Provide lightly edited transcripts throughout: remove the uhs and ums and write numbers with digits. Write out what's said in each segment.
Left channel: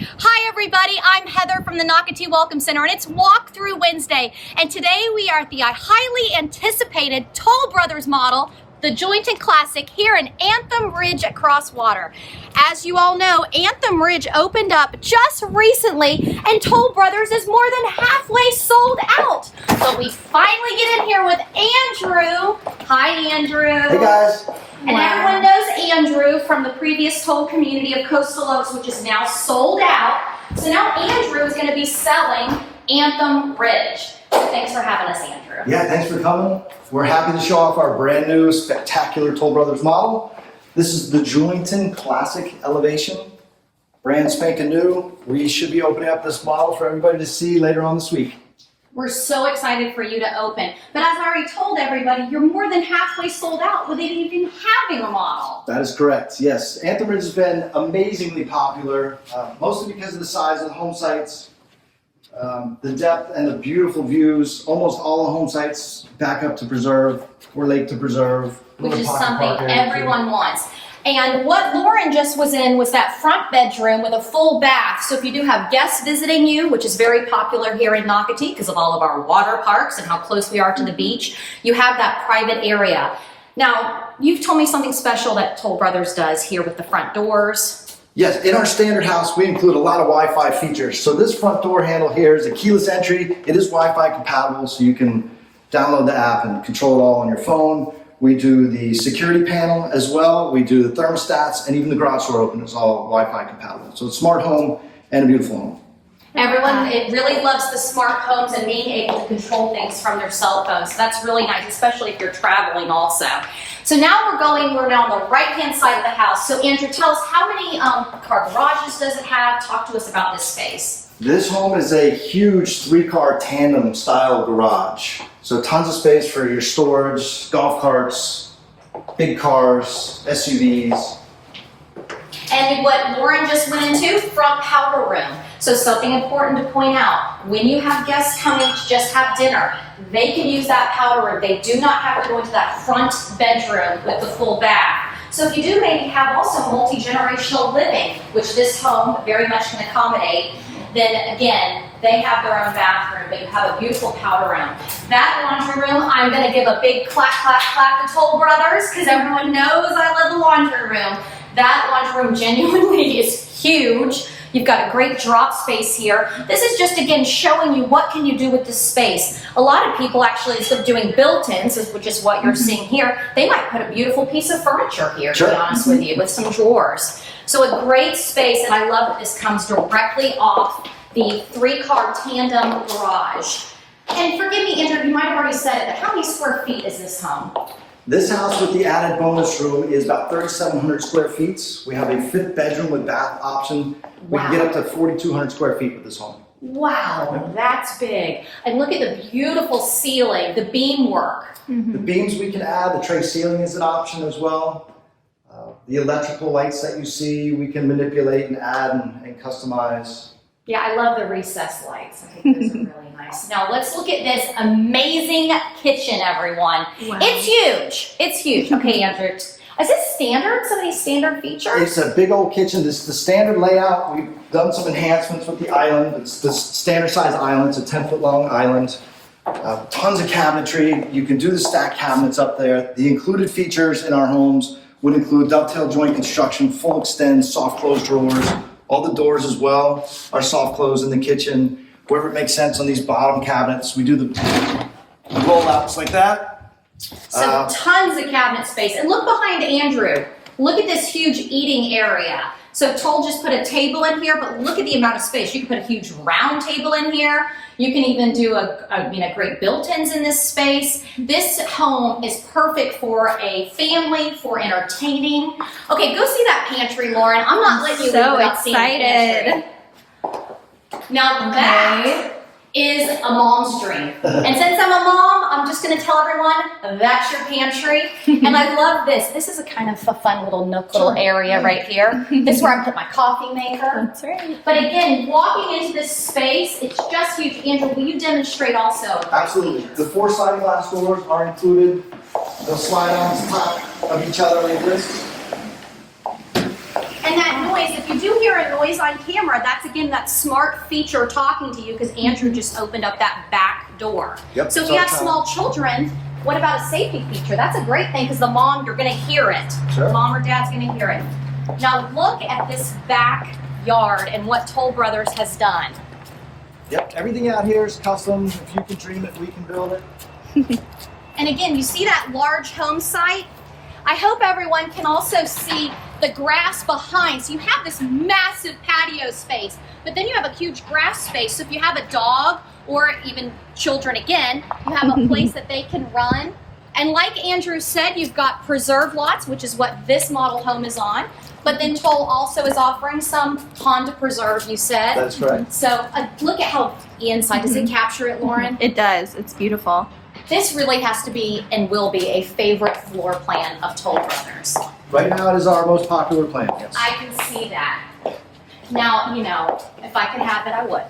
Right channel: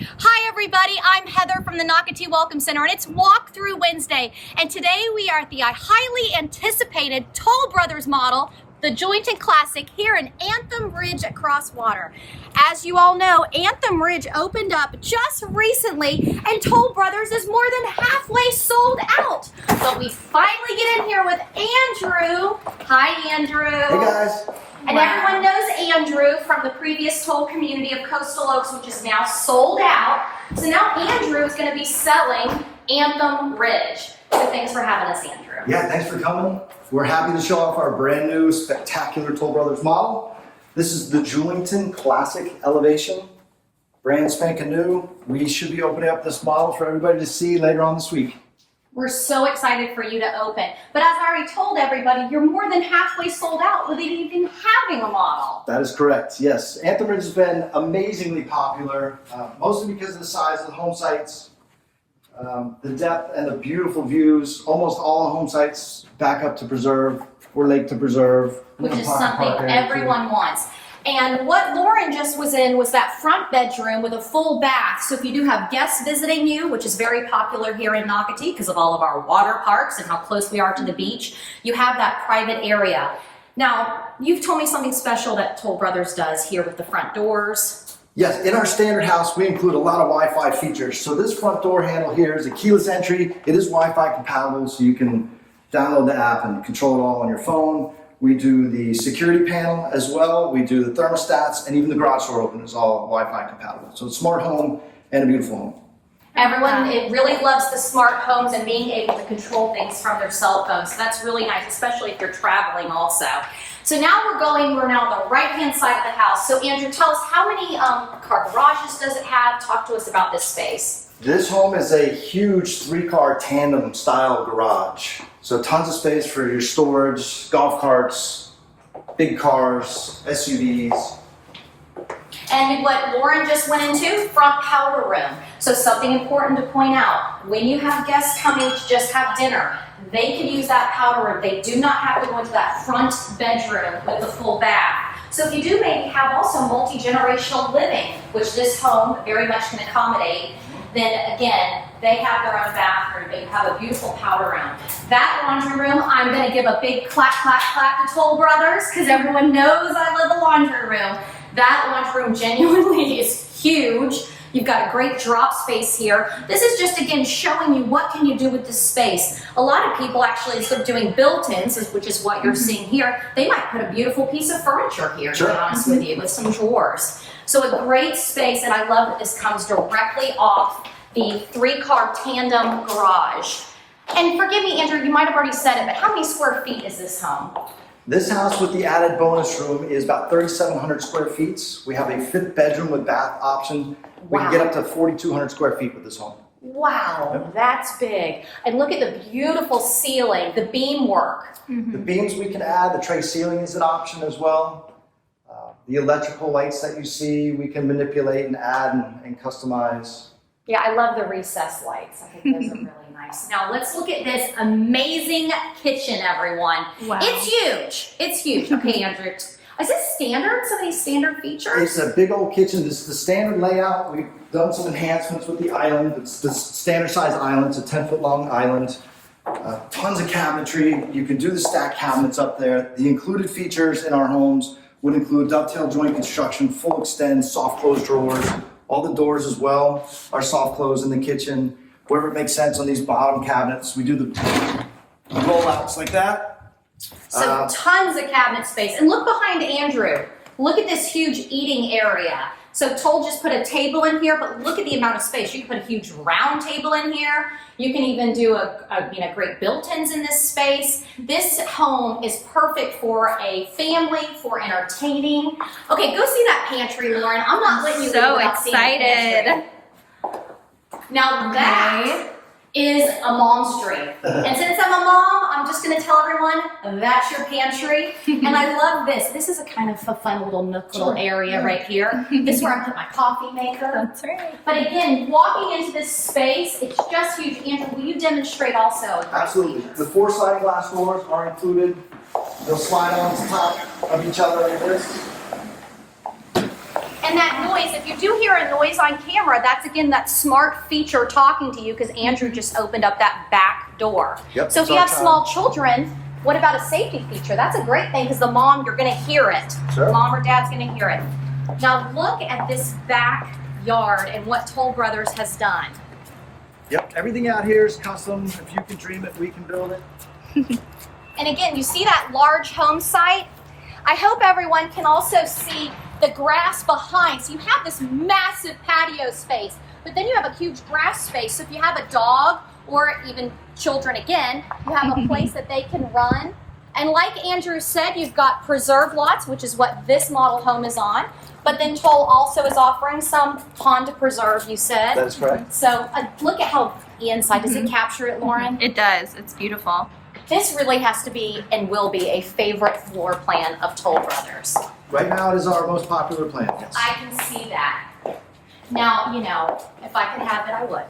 Hi everybody, I'm Heather from the Nocatee Welcome Center and it's Walkthrough Wednesday, and today we are at the highly anticipated Toll Brothers model, the Jointon Classic, here in Anthem Ridge at Crosswater. As you all know, Anthem Ridge opened up just recently and Toll Brothers is more than halfway sold out. So we finally get in here with Andrew. Hi Andrew. Hey guys. And everyone knows Andrew from the previous Toll community of Coastal Oaks, which is now sold out. So now Andrew is going to be selling Anthem Ridge. So thanks for having us, Andrew. Yeah, thanks for coming. We're happy to show off our brand new spectacular Toll Brothers model. This is the Jointon Classic Elevation. Brand spanking new. We should be opening up this model for everybody to see later on this week. We're so excited for you to open. But as I already told everybody, you're more than halfway sold out without even having a model. That is correct, yes. Anthem Ridge has been amazingly popular, mostly because of the size of the home sites, the depth and the beautiful views. Almost all the home sites back up to Preserve or Lake to Preserve. Which is something everyone wants. And what Lauren just was in was that front bedroom with a full bath. So if you do have guests visiting you, which is very popular here in Nocatee because of all of our water parks and how close we are to the beach, you have that private area. Now, you've told me something special that Toll Brothers does here with the front doors. Yes, in our standard house, we include a lot of Wi-Fi features. So this front door handle here is a keyless entry. It is Wi-Fi compatible, so you can download the app and control it all on your phone. We do the security panel as well. We do the thermostats, and even the garage door opener is all Wi-Fi compatible. So it's a smart home and a beautiful home. Everyone, it really loves the smart homes and being able to control things from their cell phones. So that's really nice, especially if you're traveling also. So now we're now on the right-hand side of the house. So Andrew, tell us, how many car garages does it have? Talk to us about this space. This home is a huge 3-car tandem style garage. So tons of space for your storage, golf carts, big cars, SUVs. And what Lauren just went into, front powder room. So something important to point out, when you have guests coming to just have dinner, they can use that powder room. They do not have to go into that front bedroom with the full bath. So if you do maybe have also multi-generational living, which this home very much can accommodate, then again, they have their own bathroom, but you have a beautiful powder room. That laundry room, I'm going to give a big clap, clap, clap to Toll Brothers, because everyone knows I love the laundry room. That laundry room genuinely is huge. You've got a great drop space here. This is just, again, showing you what can you do with this space. A lot of people actually, instead of doing built-ins, which is what you're seeing here, they might put a beautiful piece of furniture here, to be honest with you, with some drawers. So a great space, and I love that this comes directly off the 3-car tandem garage. And forgive me, Andrew, you might have already said it, but how many square feet is this home? This house with the added bonus room is about 3,700 square feet. We have a 5th bedroom with bath option. We can get up to 4,200 square feet with this home. Wow, that's big. And look at the beautiful ceiling, the beam work. The beams we can add, the tray ceiling is an option as well. The electrical lights that you see, we can manipulate and add and customize. Yeah, I love the recessed lights. I think those are really nice. Now let's look at this amazing kitchen, everyone. Wow. It's huge. It's huge. Okay, Andrew. Is this standard? Some of these standard features? It's a big old kitchen. This is the standard layout. We've done some enhancements with the island. It's the standard size island. It's a 10-foot long island. Tons of cabinetry. You can do the stacked cabinets up there. The included features in our homes would include dovetail joint construction, full extend, soft close drawers. All the doors as well are soft close in the kitchen. Wherever it makes sense on these bottom cabinets, we do the rollouts like that. So tons of cabinet space. And look behind Andrew. Look at this huge eating area. So Toll just put a table in here, but look at the amount of space. You can put a huge round table in here. You can even do great built-ins in this space. This home is perfect for a family, for entertaining. Okay, go see that pantry, Lauren. I'm not letting you so leave without seeing the pantry. Now that is a mom's dream. And since I'm a mom, I'm just going to tell everyone that's your pantry. And I love this. This is a kind of a fun little nook, little area right here. This is where I put my coffee maker. That's right. But again, walking into this space, it's just huge. Andrew, will you demonstrate also? Absolutely. The 4 sliding glass doors are included. They'll slide on top of each other like this. And that noise, if you do hear a noise on camera, that's again that smart feature talking to you because Andrew just opened up that back door. Yep, So if you it's have our small children, what about a safety feature? That's a great thing because the mom, you're gonna hear it. Sure. Mom or dad's gonna hear it. Now look at this backyard and what Toll Brothers has done. Yep, everything out here is custom. If you can dream it, we can build it. And again, you see that large home site? I hope everyone can also see the grass behind. So you have this massive patio space, but then you have a huge grass space. So if you have a dog or even children again, you have a place that they can run. And like Andrew said, you've got preserve lots, which is what this model home is on. But then Toll also is offering some Honda Preserve, you said. That's correct. So look at how the inside, does it capture it, Lauren? It does. It's beautiful. This really has to be and will be a favorite floor plan of Toll Brothers. Right now, it is our most popular plan. Yes. I can see that. Now, you know, if I could have it, I would.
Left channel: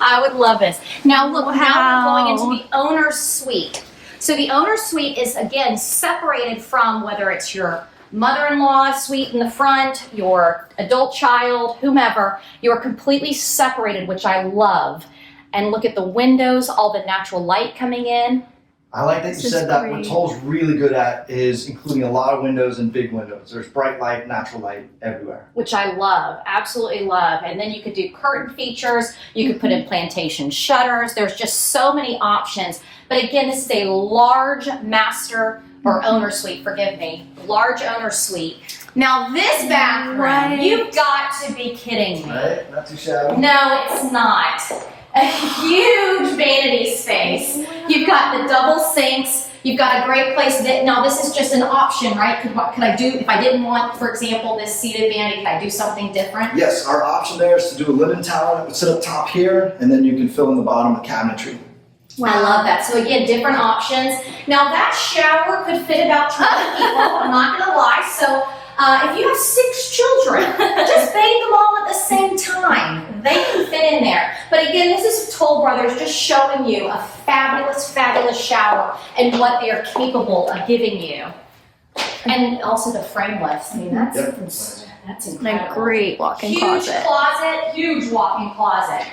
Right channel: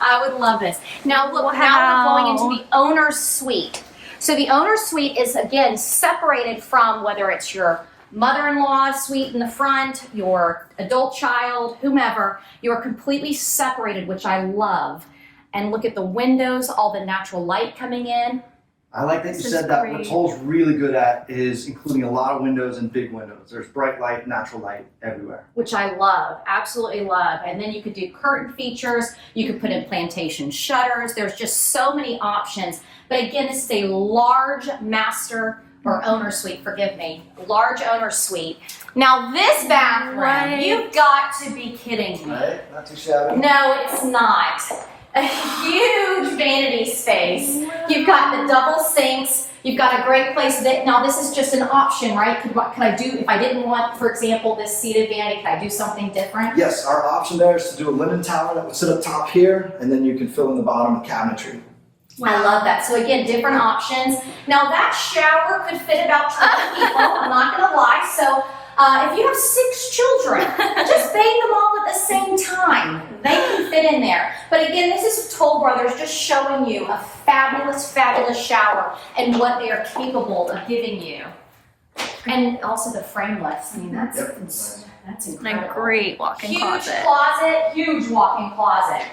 I would love this. Now, look, now we're going into the owner's suite. So the owner's suite is, again, separated from whether it's your mother-in-law suite in the front, your adult child, whomever. You're completely separated, which I love. And look at the windows, all the natural light coming in. I like that you This is said that. What great. Toll's really good at is including a lot of windows and big windows. There's bright light, natural light everywhere. Which I love, absolutely love. And then you could do curtain features, you could put in plantation shutters. There's just so many options. But again, this is a large master or owner suite, forgive me, large owner suite. Now this bathroom, Right. you've got to be kidding me. Right? Not too shabby. No, it's not. A huge vanity space. You've got the double sinks. You've got a great place that, now this is just an option, right? What could I do if I didn't want, for example, this seated vanity, could I do something different? Yes, our option there is to do a linen tower that would sit up top here, and then you can fill in the bottom with cabinetry. I love that. So again, different options. Now that shower could fit about 20 people, I'm not gonna lie. So if you have 6 children, just bathe them all at the same time. They can fit in there. But again, this is Toll Brothers just showing you a fabulous, fabulous shower and what they are capable of giving you. And also the frameless. I mean, that's Yep. And a incredible. great walk-in Huge closet. huge walk-in closet.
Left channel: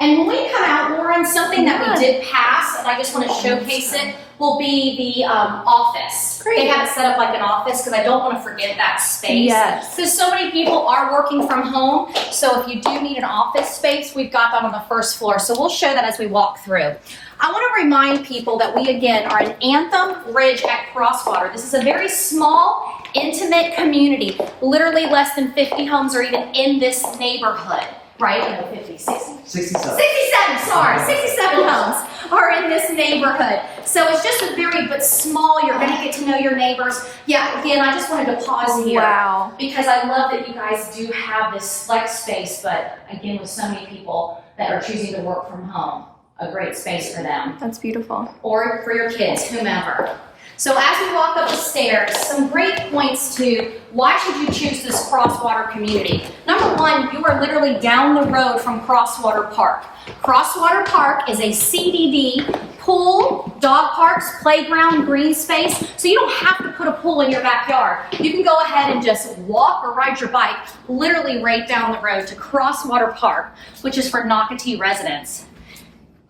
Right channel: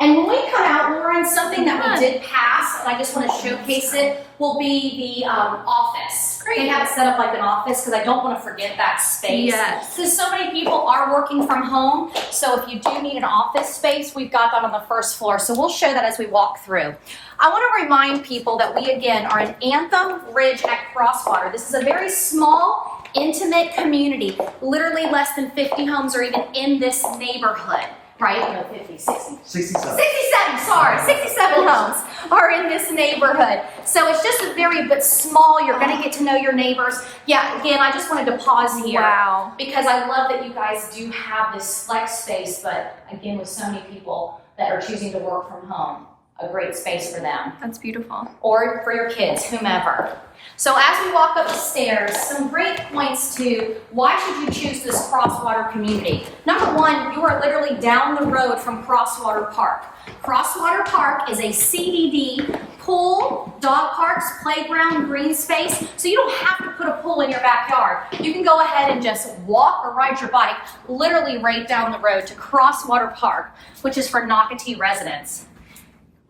And when we come out, Lauren, something that we did pass, and I just want to showcase it, will be the office. Great. They have it set up like an office because I don't want to forget that space. Yes. Because so many people are working from home, so if you do need an office space, we've got that on the first floor. So we'll show that as we walk through. I want to remind people that we, again, are in Anthem Ridge at Crosswater. This is a very small, intimate community. Literally less than 50 homes are even in this neighborhood. Right? No, 50, 60. 67. 67, sorry, 67 homes are in this neighborhood. So it's just a very, but small, you're gonna get to know your neighbors. Yeah, again, I just wanted to pause here. Wow. Because I love that you guys do have this flex space, but again, with so many people that are choosing to work from home, a great space for them. That's beautiful. Or for your kids, whomever. So as we walk up the stairs, some great points to why should you choose this Crosswater community. Number one, you are literally down the road from Crosswater Park. Crosswater Park is a CDD pool, dog parks, playground, green space, so you don't have to put a pool in your backyard. You can go ahead and just walk or ride your bike literally right down the road to Crosswater Park, which is for Nocatee residents.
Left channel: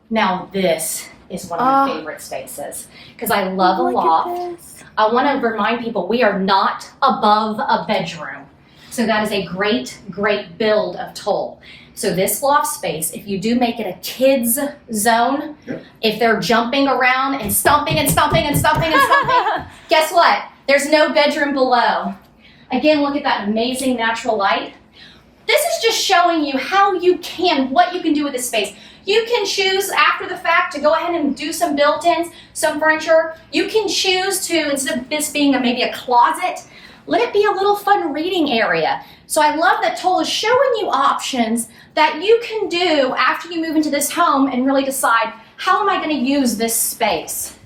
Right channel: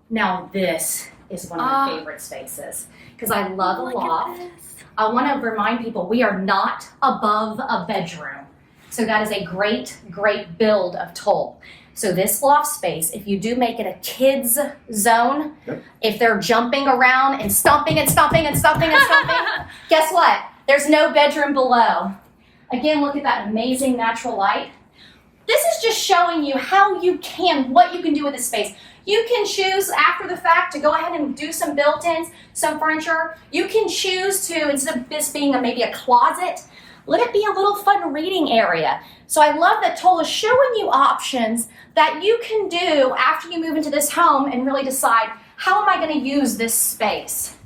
Now this is one of my favorite spaces because I love a Look loft. at this. I want to remind people we are not above a bedroom. So that is a great, great build of Toll. So this loft space, if you do make it a kids zone, Yep. if they're jumping around and stomping and stomping and stomping and stomping, guess what? There's no bedroom below. Again, look at that amazing natural light. This is just showing you how you can, what you can do with this space. You can choose after the fact to go ahead and do some built-ins, some furniture. You can choose to, instead of this being maybe a closet, let it be a little fun reading area. So I love that Toll is showing you options that you can do after you move into this home and really decide, how am I going to use this space?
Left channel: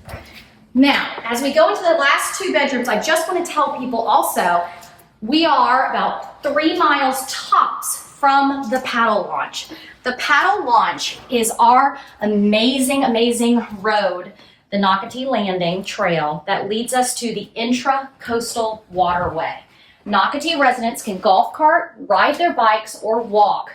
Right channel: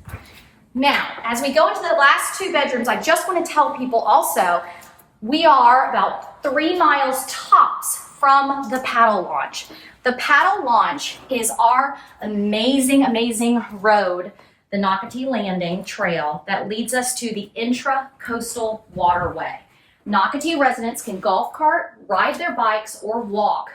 Now, as we go into the last 2 bedrooms, I just want to tell people also, we are about 3 miles tops from the paddle launch. The paddle launch is our amazing, amazing road, the Nocatee Landing Trail that leads us to the Intra-Coastal Waterway. Nocatee residents can golf cart, ride their bikes, or walk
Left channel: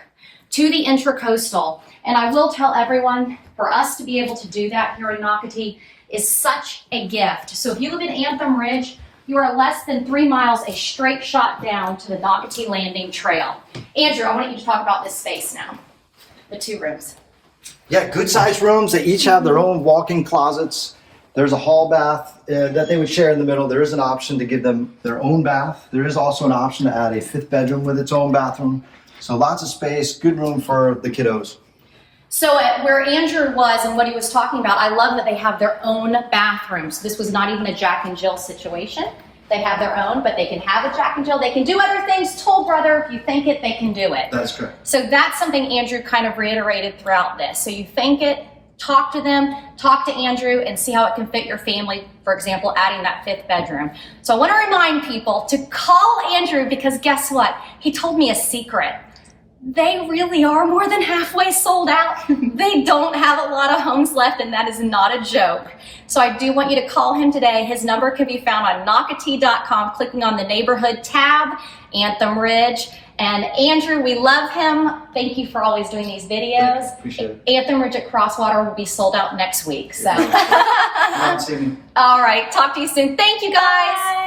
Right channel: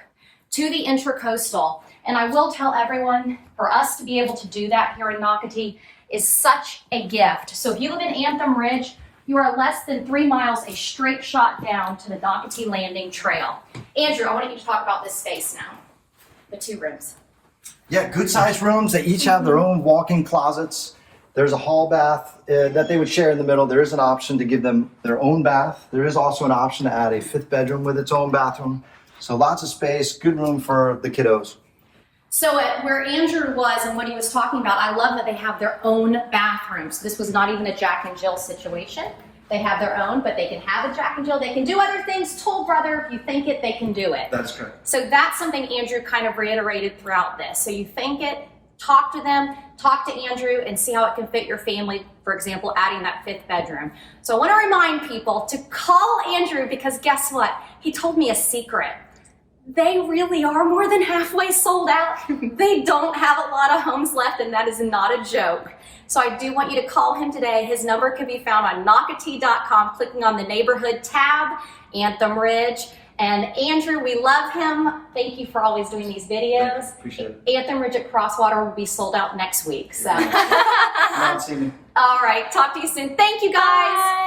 to the Intracoastal. And I will tell everyone, for us to be able to do that here in Nocatee is such a gift. So if you live in Anthem Ridge, you are less than 3 miles, a straight shot down to the Nocatee Landing Trail. Andrew, I want you to talk about this space now, the 2 rooms. Yeah, good sized rooms. They each have their own walk-in closets. There's a hall bath that they would share in the middle. There is an option to give them their own bath. There is also an option to add a 5th bedroom with its own bathroom. So lots of space, good room for the kiddos. So at where Andrew was and what he was talking about, I love that they have their own bathrooms. This was not even a Jack and Jill situation. They have their own, but they can have a Jack and Jill. They can do other things. Toll brother, if you think it, they can do it. That's correct. So that's something Andrew kind of reiterated throughout this. So you think it, talk to them, talk to Andrew, and see how it can fit your family. For example, adding that 5th bedroom. So I want to remind people to call Andrew because guess what? He told me a secret. They really are more than halfway sold out. They don't have a lot of homes left, and that is not a joke. So I do want you to call him today. His number can be found on Nocatee.com, clicking on the neighborhood tab, Anthem Ridge. And Andrew, we love him. Thank you for always doing these videos. Appreciate it. Anthem Ridge at Crosswater will be sold out next week. So, Come on, see me. all right, talk to you soon. Thank you guys. Bye.